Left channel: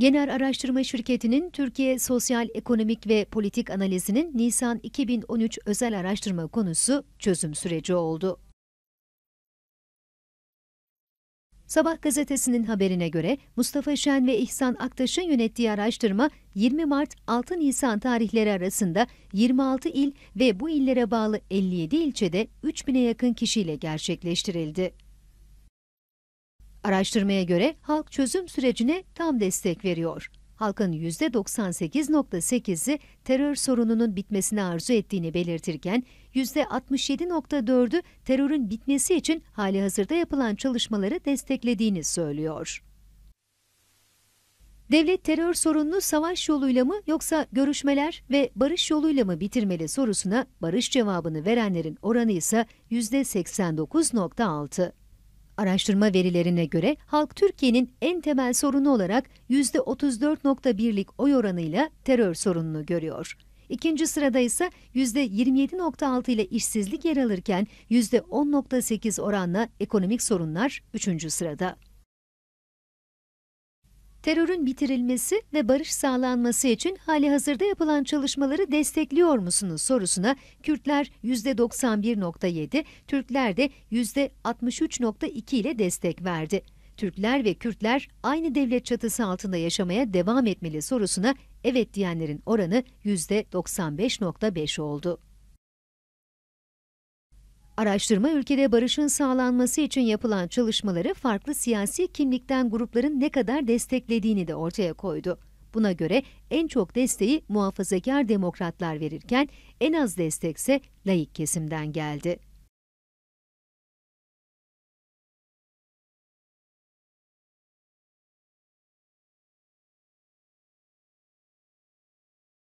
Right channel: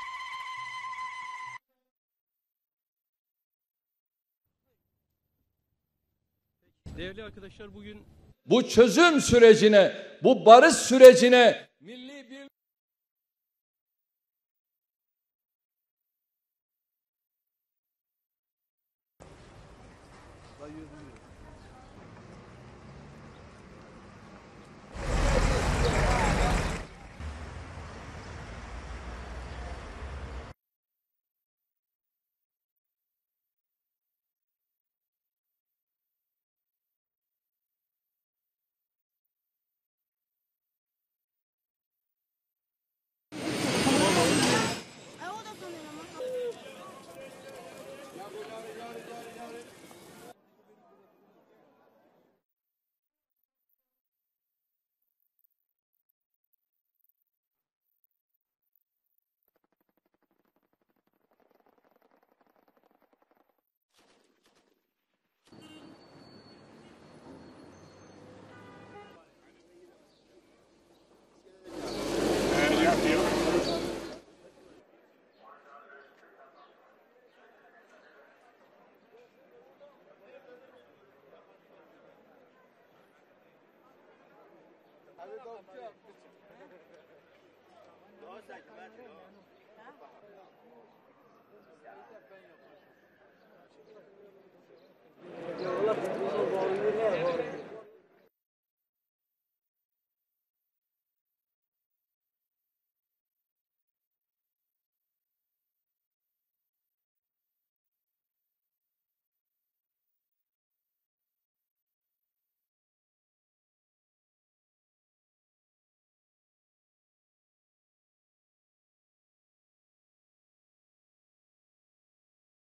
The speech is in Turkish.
Genel Araştırma Şirketi'nin Türkiye Sosyal Ekonomik ve Politik Analizi'nin Nisan 2013 özel araştırma konusu çözüm süreci oldu. Bu çözüm sürecine, bu barış sürecine Sabah gazetesinin haberine göre Mustafa Şen ve İhsan Aktaş'ın yönettiği araştırma 20 Mart 6 Nisan tarihleri arasında 26 il ve bu illere bağlı 57 ilçede 3000'e yakın kişiyle gerçekleştirildi. Araştırmaya göre halk çözüm sürecine tam destek veriyor. Halkın %98.8'i terör sorununun bitmesini arzu ettiğini belirtirken %67.4'ü terörün bitmesi için hali hazırda yapılan çalışmaları desteklediğini söylüyor. Devlet terör sorununu savaş yoluyla mı yoksa görüşmeler ve barış yoluyla mı bitirmeli sorusuna barış cevabını verenlerin oranı ise %89.6. Araştırma verilerine göre halk Türkiye'nin en temel sorunu olarak %34.1'lik oy oranıyla terör sorununu görüyor. İkinci sırada ise %27.6 ile işsizlik yer alırken %10.8 oranla ekonomik sorunlar üçüncü sırada. Terörün bitirilmesi ve barış sağlanması için hali hazırda yapılan çalışmaları destekliyor musunuz sorusuna Kürtler %91.7, Türkler de %63.2 ile destek verdi. Türkler ve Kürtler aynı devlet çatısı altında yaşamaya devam etmeli sorusuna evet diyenlerin oranı %95.5 oldu. Araştırma ülkede barışın sağlanması için yapılan çalışmaları farklı siyasi kimlikten grupların ne kadar desteklediğini de ortaya koydu. Buna göre en çok desteği muhafazakar demokratlar verirken en az destekse layık kesimden geldi.